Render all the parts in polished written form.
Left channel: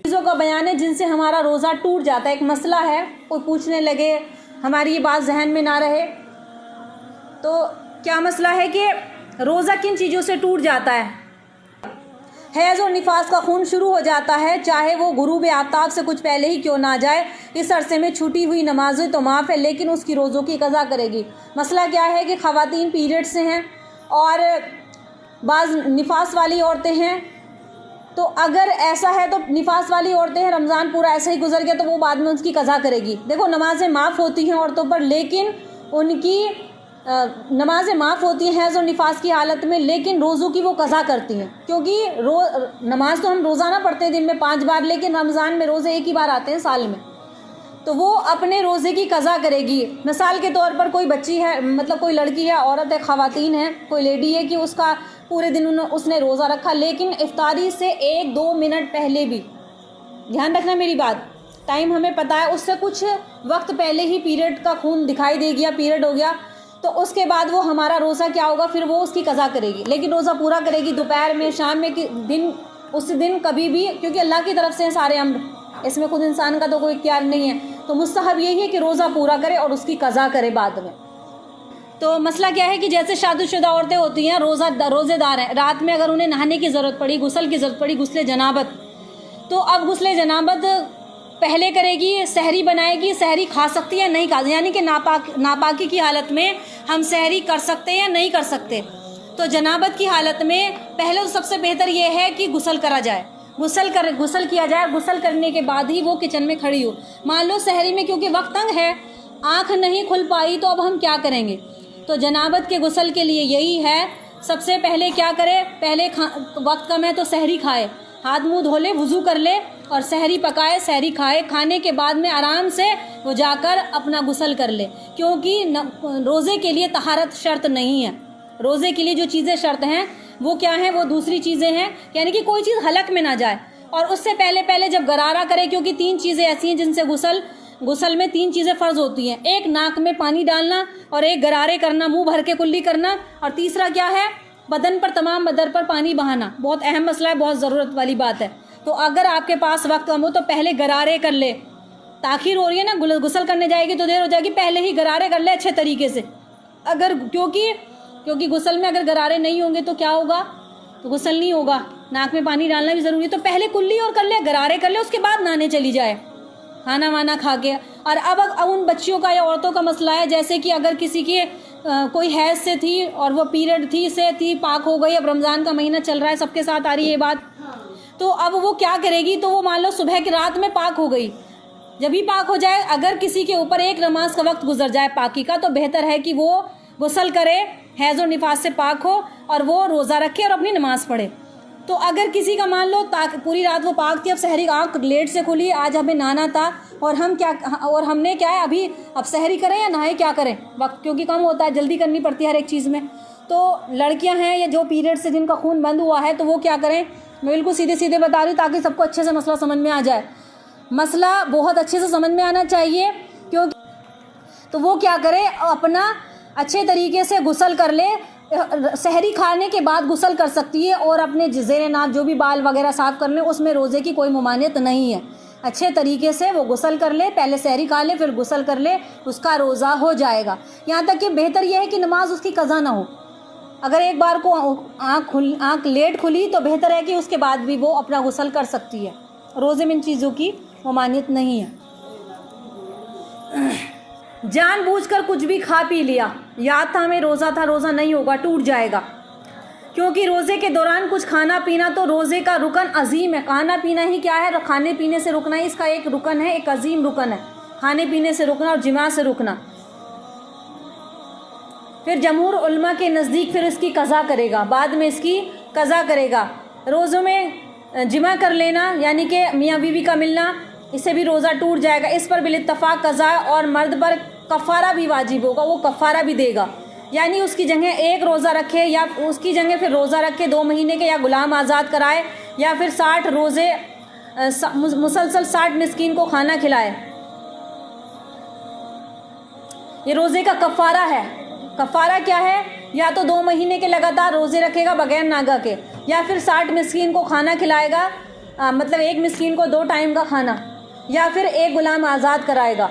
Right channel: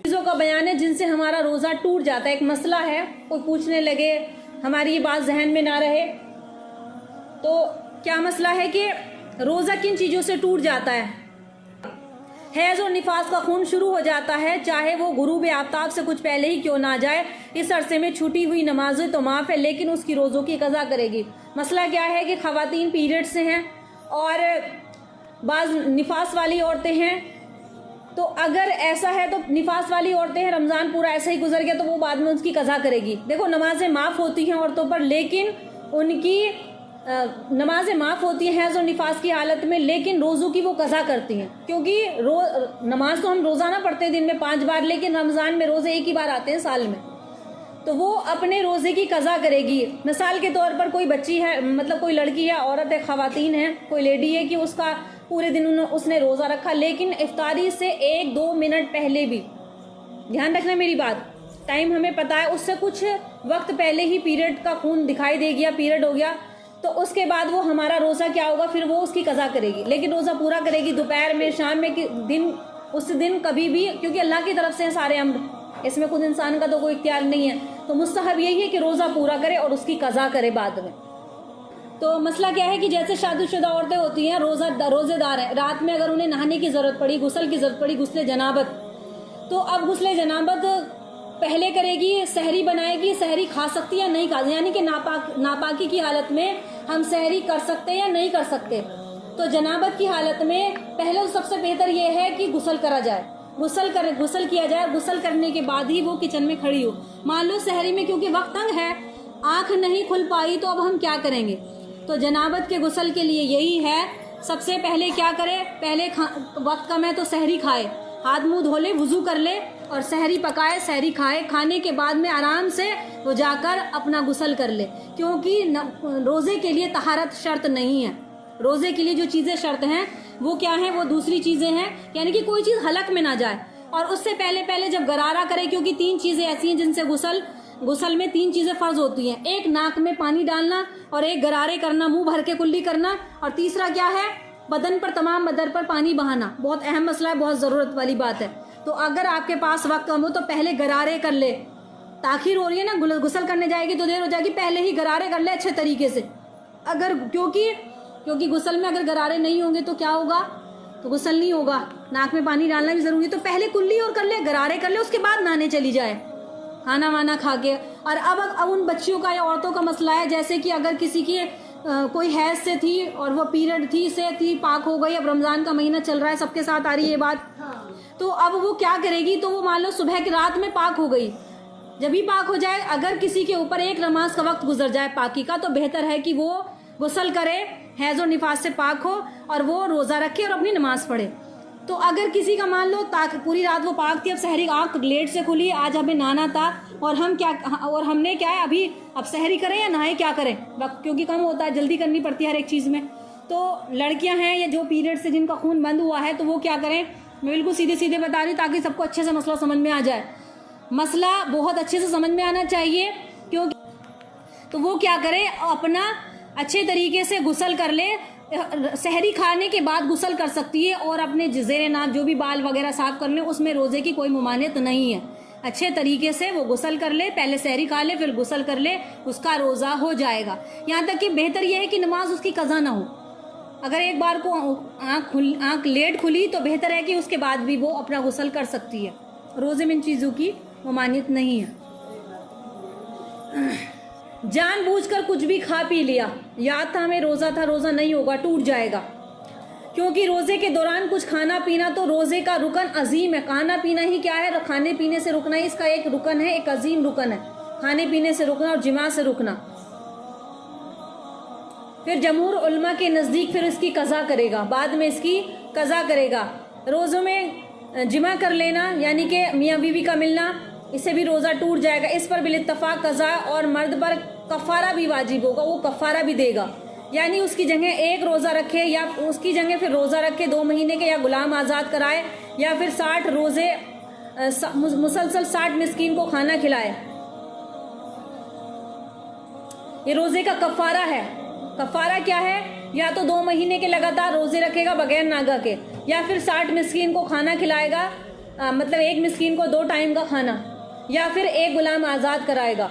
चीज़ों का बयान है जिनसे हमारा रोज़ा टूट जाता है। एक मसला है, कोई पूछने लगे, हमारी ये बात जहन में ना रहे, तो क्या मसला है कि रोज़ा किन चीज़ों से टूट जाता है। हैज़ और निफास का खून शुरू हो जाता है, चाहे वो गुरूब आफ्ताब से कुछ पहले ही क्यों ना जाए। इस अरसे में छूटी हुई नमाज़ें तो माफ़ है, लेकिन उसकी रोज़ों की कज़ा करेगी। मसला क्या है कि ख़वातीन पीरियड से हैं और बाज़ निफास वाली औरतें हैं, तो अगर ऐसा है तो निफास वाली औरतें हैं, रमज़ान पूरा ऐसे ही गुजर गया तो वो बाद में उसकी कज़ा करेगी। देखो, नमाज़ें माफ़ होती हैं औरतों पर, लेकिन उनकी नमाज़ें माफ़ होती हैं हैज़ और निफास की हालत में, लेकिन रोज़ों की वो कज़ा करती हैं, क्योंकि नमाज तो हम रोज़ाना पढ़ते हैं दिन में 5 बार, लेकिन रमज़ान में रोज़े एक ही बार आते हैं साल में, तो वो अपने रोज़े की कज़ा करेगी। मिसाल के तौर पर कोई बच्ची है, मतलब कोई लड़की है, औरत है, ख़वातीन है, कोई लेडी है कि उसका पूरे दिन उसने रोज़ा रखा, लेकिन इफ्तारी से 1-2 मिनट पहले भी, ध्यान रखना मेरी बात, टाइम हमें पता है, उससे कुछ वक्त पहले ही पीरियड का खून दिखाई दे गया, पीरियड हो गया, तो उसके बाद वो हमारा रोज़ा क्या होगा, फिर वो उसकी कज़ा करेगी, लेकिन रोज़ा पूरा करेगी दोपहर में, शाम में, दिन, उस दिन कभी भी, क्योंकि अल्लाह की तरफ से हैं सारे अम्र, इसमें खुद इंसान का तो कोई इख्तियार नहीं है। तो मुस्तहब यही है कि रोज़ा पूरा करे और उसकी कज़ा करे बाद में। तो मसला क्या है कि जैसे शादीशुदा औरतें होती हैं, रोज़ेदार हैं, रात में अगर उन्हें नहाने की ज़रूरत पड़ी, गुस्ल की ज़रूरत पड़ी, गुस्ले जनाबत, तो अब गुस्ले जनाबत पहले करेगी, सहरी बनाएगी, सहरी खा सकती है, नहीं खा, यानी कि नापाकी की हालत में हम सहरी कर सकते हैं या नहीं कर सकते। तो जनाबत की हालत में पहले तो सबसे बेहतर ये है कि गुस्ल करा जाए, गुस्ल किया जाए, गुस्ल करने के बाद ही वो किचन में खड़ी हो। मान लो सहरी में क्योंकि वक्त तंग है, आँख नहीं खुल पाई, तो अब हम क्या करेंगे। तो जनाबत के गुस्ल के लिए यही है, सबसे पहले क्या करे, पहले वक्त कम है तो सहरी खाए, हाथ मुंह धो ले, वुज़ू कर ले और सहरी पकाए, सहरी खाए, खाने के बाद में आराम से वो जाकर अपना गुस्ल कर ले, क्योंकि रोज़े के लिए तहारत शर्त नहीं है। रोज़े के लिए जो चीज़ें शर्त हैं वो क्या हैं, वो दूसरी चीज़ें हैं, यानी कि कोई चीज़ हलक में ना जाए, और उससे पहले जब गरारा करे, क्योंकि 3 चीज़ें ऐसी हैं जिनसे गुस्ल में 3 चीज़ें फ़र्ज होती हैं, एक नाक में पानी डालना, और एक गरारे करना, मुंह भर के कुल्ली करना, और तीसरा क्या है, बदन पर, तमाम बदन पर पानी बहाना। बहुत अहम मसला है, बहुत ज़रूरत वाली बात है। तो अगर आपके पास वक्त कम हो तो पहले गरारे कर ले, ताखीर हो रही है ना, गुस्ल करने जाएगी तो देर हो जाएगी, पहले ही गरारे कर ले अच्छे तरीके से। अगर क्योंकि गुस्ल में अगर गरारे नहीं होंगे तो क्या होगा, तो गुस्ल नहीं होगा, नाक में पानी डालना भी ज़रूरी है। तो पहले कुल्ली और कर ले, गरारे कर ले, उसके बाद नहाने चली जाए, खाना वाना खा के। और अब उन बच्चियों का या औरतों का मसला है, जैसे कि अगर किसी की कोई हैज से थी और वो पीरियड थी, पाक हो गई, अब रमज़ान का महीना चल रहा है, सबके साथ आ रही है ये बात, तो अब वो क्या करेगी, तो वो मान लो सुबह की रात में पाक हो गई, जब भी पाक हो जाए, अगर किसी के ऊपर एक नमाज का वक्त गुजर जाए पाकी का, तो बेहतर है कि वो गुस्ल करे, हैज़ और निफास से पाक हो, और वो रोज़ा रखे और अपनी नमाज पढ़े। तो अगर किसी का मान लो पूरी रात वो पाक थी, अब सहरी आँख लेट से खुली, आज हमें नहाना था, और हमने क्या है, अब सहरी करें या नहाए, क्या करें, वक्त क्योंकि कम होता है, जल्दी करनी पड़ती है हर एक चीज़ में। तो लड़कियां हैं या जो पीरियड से जिनका खून बंद हुआ है, तो वो क्या करें, मैं बिल्कुल सीधे बता रही ताकि सबको अच्छे से मसला समझ में आ जाए। मसला बहुत अच्छे से समझ में आना चाहिए, क्योंकि तो वो क्या करे, अपना अच्छे तरीके से गुस्ल कर ले, सहरी खाने के बाद गुस्ल कर सकती है, और अपने ज़ेरे नाप जो भी बाल वगैरह साफ़ करने, उसमें रोज़े की कोई ममानियत नहीं है। अच्छे तरीके से वो गुस्ल कर ले, पहले सहरी खा ले, फिर गुस्ल कर ले, उसका रोज़ा हो जाएगा। यहाँ तक कि बेहतर यह है कि नमाज उसकी कज़ा ना हो। अगर एक बार को आँख लेट खुली तो बेहतर है कि उसके बाद भी वो अपना गुस्ल कर सकती है। रोज़े में इन चीज़ों की ममानियत नहीं है। जानबूझकर कुछ भी खा पी लिया, याद था हमें रोज़ा था, रोज़ा नहीं होगा, टूट जाएगा, क्योंकि रोज़े के दौरान कुछ खाना पीना तो रोज़े का रुकन अजीम है। खाना पीना ही क्या है, खाने पीने से रुकना ही इसका एक रुकन है, एक अजीम रुकन है, खाने पीने से रुकना और जिमा से रुकना। फिर जमहूर उलमा के नज़दीक फिर इसकी कज़ा करेगा, बाद में इसकी कज़ा करेगा। रोज़ों में जिमा कर लेना यानी कि मियाँ बीवी का मिलना, इससे भी रोज़ा टूट जाएगा। इस पर बिल-इत्तफ़ाक़ कज़ा, और मर्द पर कफ़ारा भी वाजिब होगा, वो कफ़ारा भी देगा, यानी उसकी जगह एक रोज़ा रखे या उसकी जगह फिर रोज़ा रखे 2 महीने के, या गुलाम आज़ाद कराए, या फिर 60 रोज़े मुसलसल 60 मिस्कीन को खाना खिलाए। ये रोज़े का कफ़ारा है। कफ़ारा क्या है? या तो 2 महीने के लगातार रोज़े रखेगा बगैर नागा के, या फिर 60 मिस्कीन को खाना खिलाएगा, मतलब 1 मिस्कीन को 2 टाइम का खाना, या फिर 1 गुलाम आज़ाद कराएगा।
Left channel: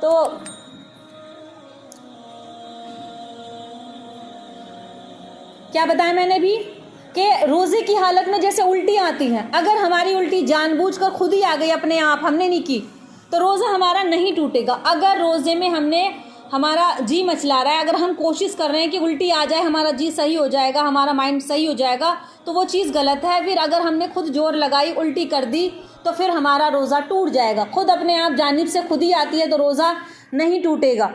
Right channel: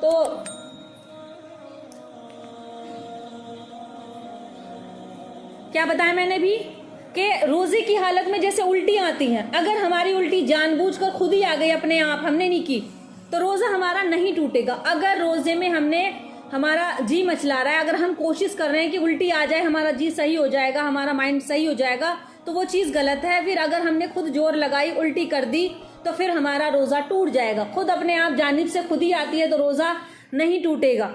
तो क्या बताया मैंने भी कि रोज़े की हालत में जैसे उल्टी आती हैं, अगर हमारी उल्टी जानबूझकर खुद ही आ गई अपने आप, हमने नहीं की, तो रोज़ा हमारा नहीं टूटेगा। अगर रोज़े में हमारा जी मचला रहा है, अगर हम कोशिश कर रहे हैं कि उल्टी आ जाए, हमारा जी सही हो जाएगा, हमारा माइंड सही हो जाएगा, तो वो चीज़ गलत है। फिर अगर हमने खुद जोर लगाई, उल्टी कर दी, तो फिर हमारा रोज़ा टूट जाएगा। खुद अपने आप जानिब से खुद ही आती है तो रोज़ा नहीं टूटेगा।